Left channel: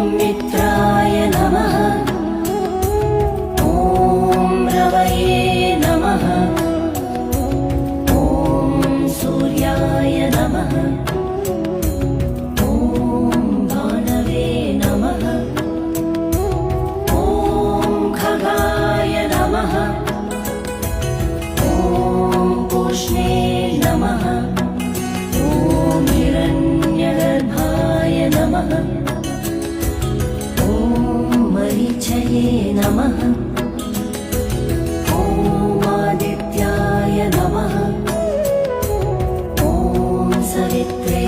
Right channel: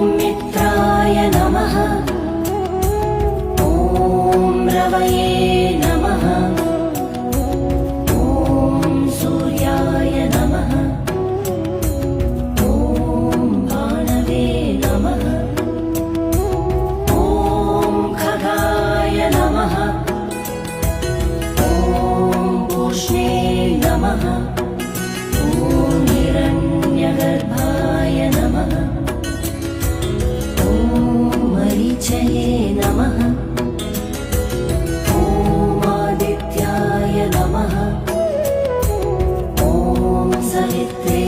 मित्राय नमः। ॐ रवये नमः। ॐ सूर्याय नमः। ॐ भानवे नमः। ॐ खगाय नमः। ॐ पूष्णे नमः। ॐ हिरण्यगर्भाय नमः। मरीचये नमः। ॐ आदित्याय नमः। ॐ सवित्रे